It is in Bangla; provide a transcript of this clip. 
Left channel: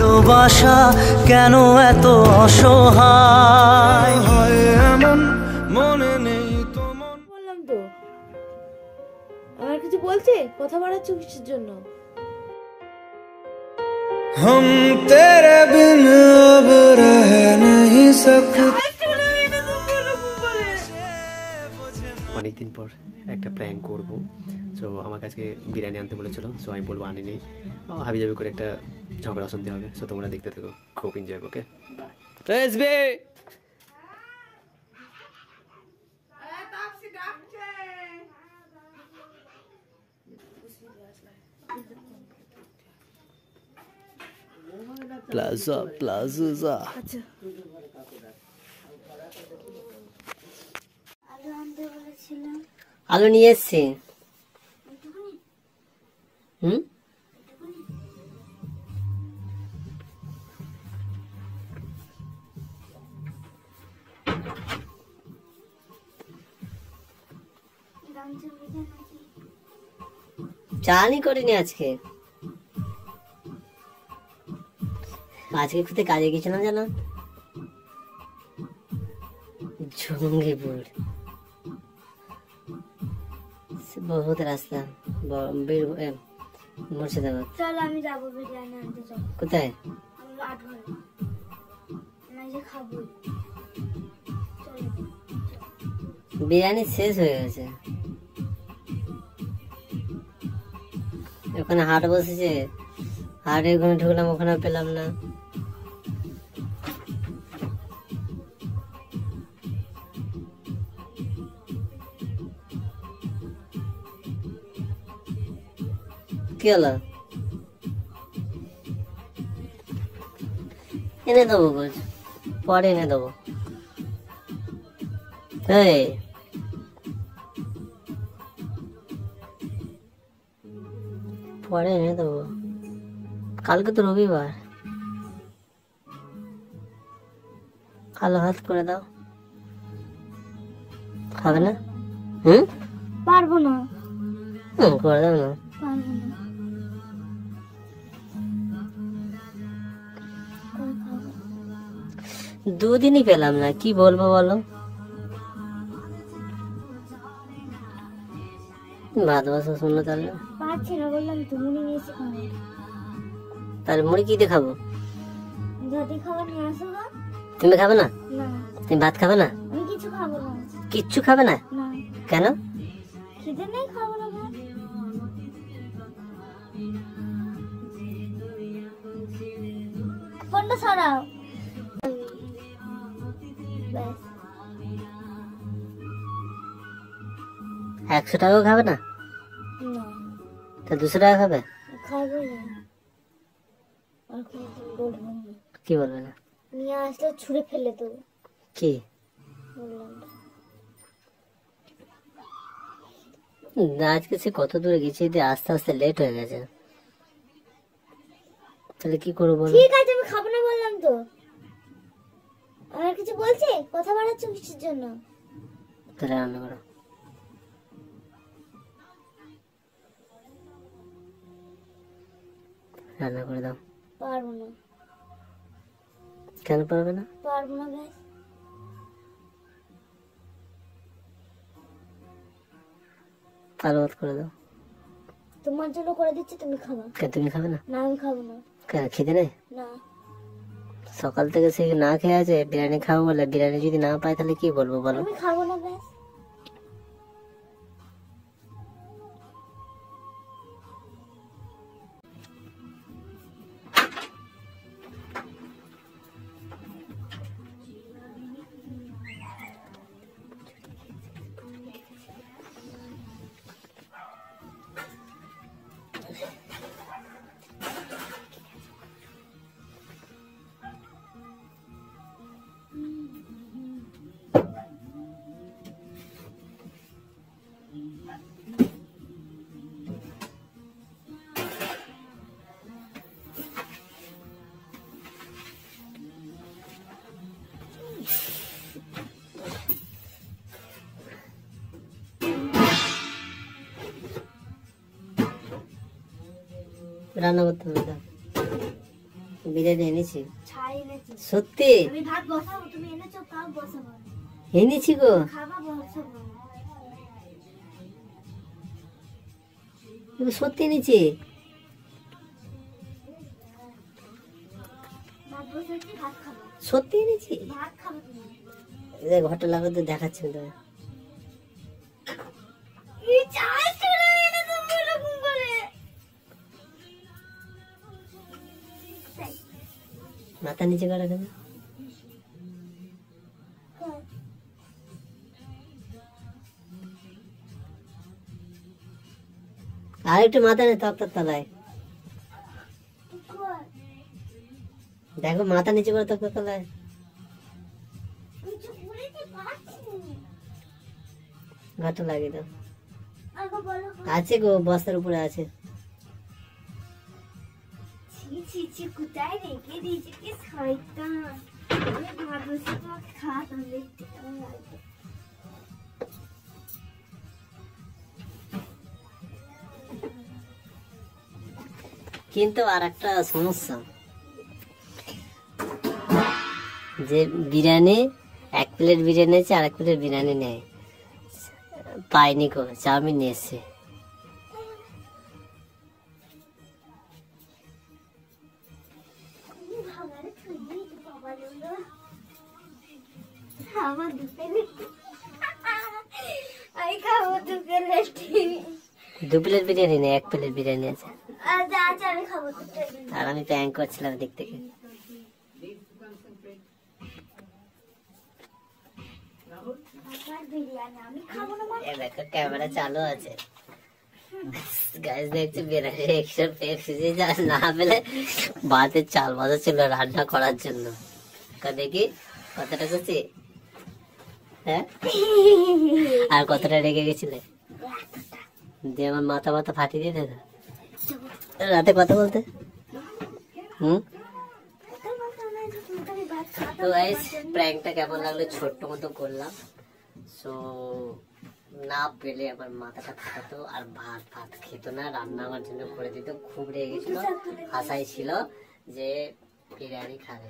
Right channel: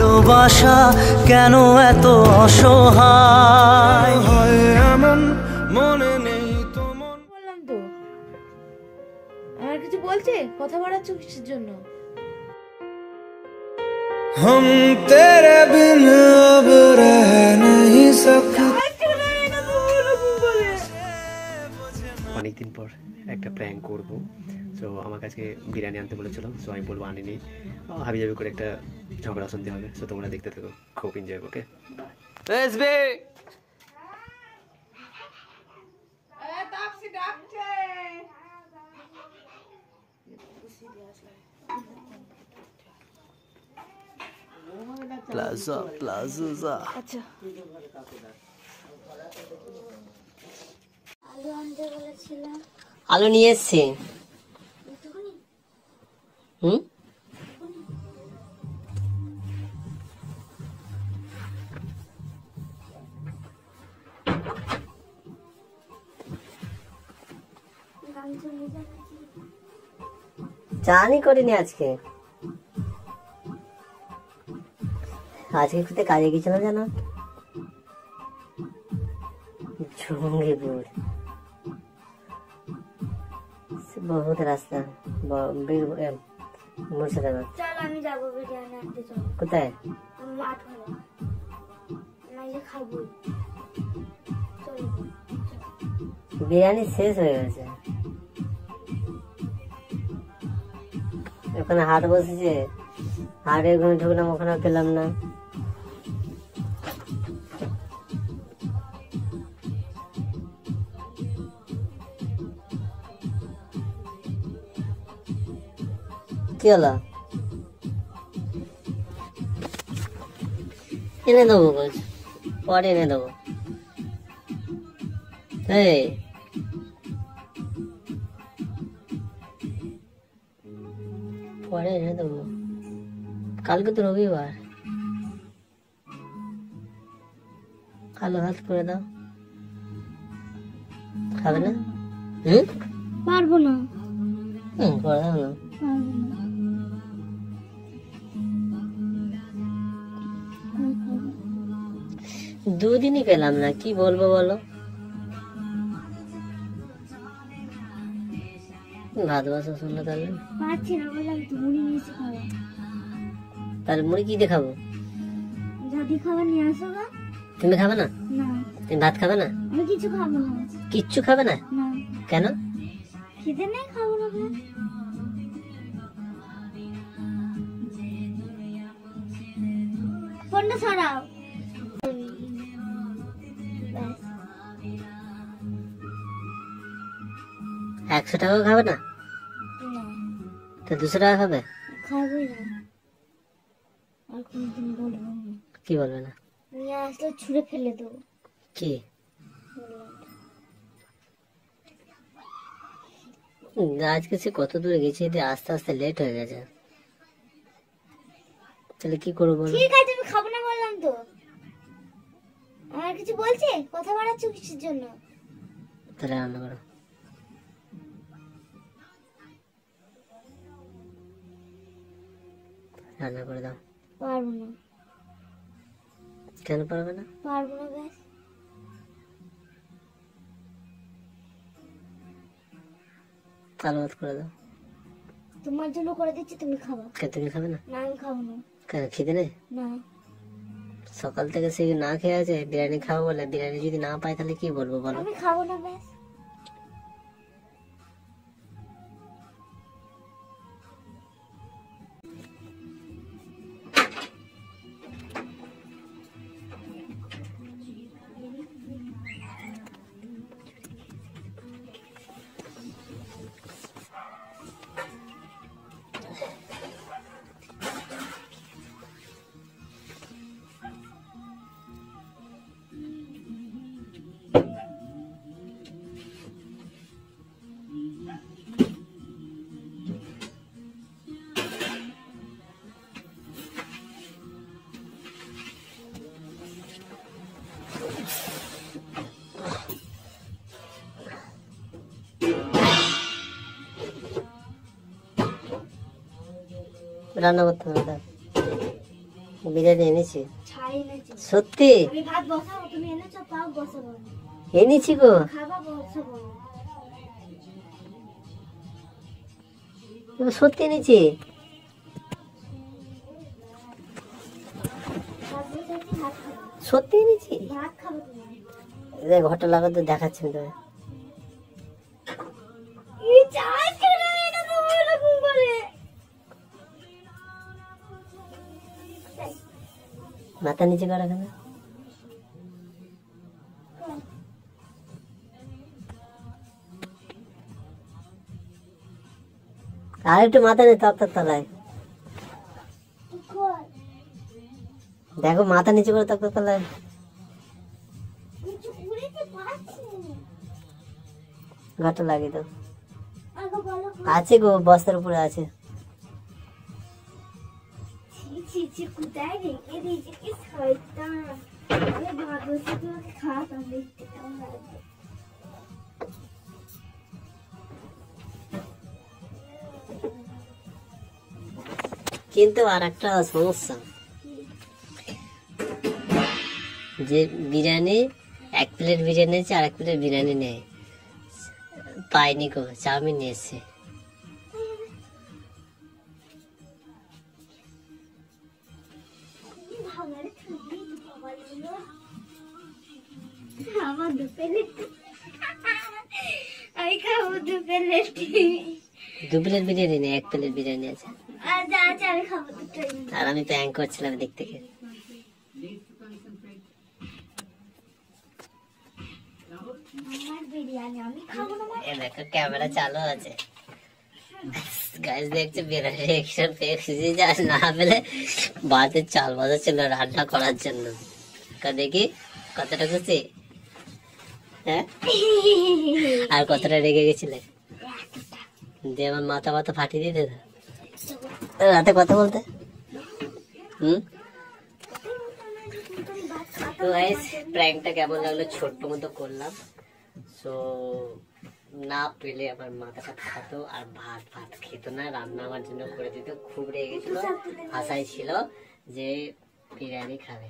ভালোবাসা কেন এত অসহায় এমন মনে নেই তো মন। বললাম তো আমার কিছু বলছে, কথা বাড়াচ্ছ কিসের জন্য? हम तेरे बिन अब रह नहीं सकते। অনেকদিন পর একটা প্র্যাঙ্ক করবো, সো আমার কাছে বিরিয়ানি আনতে বলেছিল, সো আমি বলবো আনিনি, হাবিজাবি করে একটা ঝগড়া শুনতে হবে। সো তোমরা দেখতে থাকো, খুব এনজয়। ওকে প্লাজা প্লাজা। আচ্ছা আলু নিয়ে এসছি। হুম চালই করিনি আজকে। আজকে কোথায় কাজে গেছিলাম জানো? জঙ্গিপুর বহুত রাস্তা, মুর্শিদাবাদ। চলো আমি যাবো বিরিয়ানি আনতে। চলো। কোথায়? আমি মাঠ ঘরে আমি খাবো। বিরিয়ানি শেষ হয়ে গেছে, ওখানে হাট বসেছে, হাটে ওখানে ঢুকলাম, ওখানে পেলাম না। কি হলো? এনে দেবো, পরে এনে দেবো। এই পরে এনে দেবো, কালকে তো রবিবার। কালো ভাত করে দাও, খাবে না? পারবো না। করে দাও না। দুদিনই পেলাম না, কি বলবো বলো? ভাত বসা শুনো তাহলে। পাচ্ছি না, বললাম তো মুড়ি নিয়ে এসে খাবো। তাহলে মুড়ি কি দিয়ে খাবো? যদি খাবার নিয়ে আসো গা। তুমি খাবে না? না। তুমি ভাত খাবে না? আমি কিছু খাবো না। কিচ্ছু খাবে না? না। কেন? খিদে নেই, খাবো না ভাত। ফোনটা সরাও। 100 টাকা খাবে না? না। তা 200 টাকা খাবে? খাবো না। আর কোনদিন বলবো না। কি বলবে না? নিয়ে আসলে ছুঁড়ে ফেলে দেবো। কি? আজকে সে কত দূরে গেছি, আস্তে আস্তে লেট হয়ে গেছে, তাহলে কি করবো? ঠিক আছে আমি খাবো না বললাম তো। আমার কিছু বলছে, কথা বাড়াচ্ছ কিসের জন্য? তাহলে রান্না করো। রান্না করে দাও। পারবো না। কেন পারবে না? পারবো না গ্যাস। আলু ভাত করে দাও। তোমার জন্য করে দিচ্ছি, তুমি খাবো। তুমি খাবে না? না আমি খাবো না। কেন, খিদে নেই? না। সকাল থেকে সে না খেয়ে আছে, বিরিয়ানি খাবো বলে। বিরিয়ানি যদি না পাই তাহলে কি বলবো বলো? আমি খাবো না ব্যাস। রান্না করতে হবে, বিরিয়ানি এনেছি ছাই এনেছে। সত্যি আমি ভাত বসাবো, তুমি এনেছো ভাত বসাবো না। এনেছি গো খাবা বসাবো না। সত্যি এনেছি ভাত বসাচ্ছি, ভাত খাবো। সত্যি এনেছি ভাত খাবো তুমি। দেখ ঘরটা লাগাতে দেখাচ্ছি তো এই ছাই চলে এলো তো এরকম করে। মাথা নিচে করা কেন আর একটু মাথা নিয়ে তক্তার তলায় কর। দেখো মাথা নিচে করে তক্তার তলায় কিছু উড়েতে পারছি না। ঘরটা লাগিয়ে দাও আগে বলো। আছে গো বস্তার উপরে আছে ছি ছি, কোথায় রেখে দিয়েছে, কি শয়তান। আমি ভাত বসে তোমাকে খাওয়াতাম, দেখতে কেমন লাগবে। কিন্তু আর একটা সমস্যা যে বিরিয়ানি 1 প্লেট বিরিয়ানি আছে আর 1 প্লেট বিরিয়ানি নেই পাইনি গো চাউমিন নিয়ে এসছে খাবারে খাবি বাবা লোলো। আমার 2 প্লেট। আমি খাবো 2 প্লেট। 2 প্লেট বিরিয়ানি নেই 1 প্লেট বিরিয়ানি আছে আচ্ছা আচ্ছা, আমি খাবো 2 প্লেট। আর আমি তো অ্যাঙ্ক করছিলাম দিক থেকে আমার বিরিয়ানি আমি খাবো না মানে। এ দেখো ক্যামেরা চালু আছে গাইস দেখছি বিরিয়ানি একশন পেয়েছি যা না পেলে ভাতের চাল ভাজা ছিল রান্না করার জন্য দেখি কতটা খুশি হ্যাঁ আর কতটা রেগে গেছিলে দিয়ে আমার মাথা মাথা ফাটিয়ে দিতে রাতে কথা বলতে তো গাইস প্র্যাঙ্কটা কেমন লাগলো ছোট্ট মতো করলাম সো না পেলে আমার মাথাটা ফাটাতো আর ভাত ভাত খেত না রান্না আমার জন্য করে দিত খুব রেগে গেছিল আশায় ছিল যে বিরিয়ানি খাবে